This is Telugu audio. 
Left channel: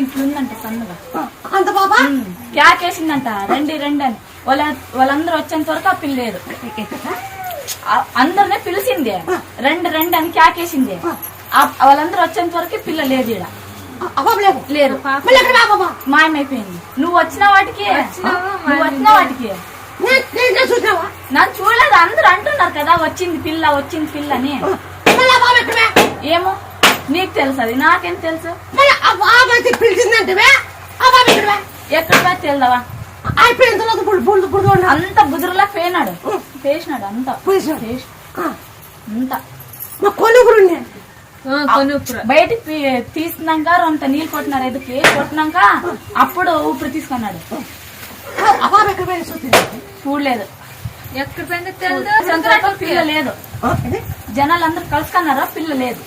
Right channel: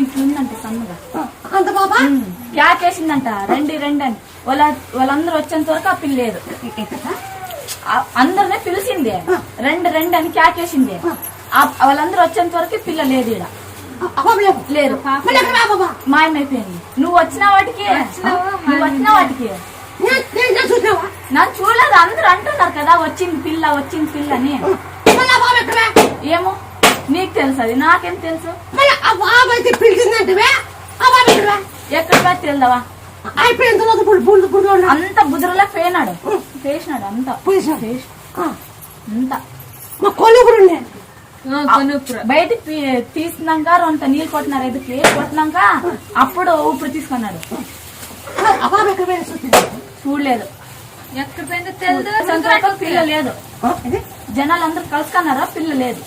ఇట్లుందంటే సన్నగా అంత బాబా క్యాకేసిందంట రండి రండి అని వాళ్ళందరూ వచ్చేంత వరకు ఆ పిల్ల లేదు. అందరినీ పిలిచింది రండి రండి అని క్యాకేసింది. వాళ్ళందరూ వచ్చేంత వరకు పిల్ల లేదు ఈడ లేదు మాయమైపోయింది. నువ్వు వచ్చిన వాటికి నాకు చూడలేదు. అందరూ అంటున్నారు కదా వచ్చింది పిల్ల అని. ఏమో నీకు తెలుసు, అది నాకేం తెలుసు. ఎక్కడ తెలుదావా అంత బుదురులా పేసినాడు అంత బయటికి తీసుకున్నాక అంత నీళ్ళు కొట్టినారు. ఎదుకి కొట్టినాక అప్పుడు ఊపిరి తీసుకున్నాడు. చూడలేదు ఎక్కడ పిల్ల లేదు. జనాలు అందరు కలుసుకున్నారా పిల్ల లేదు.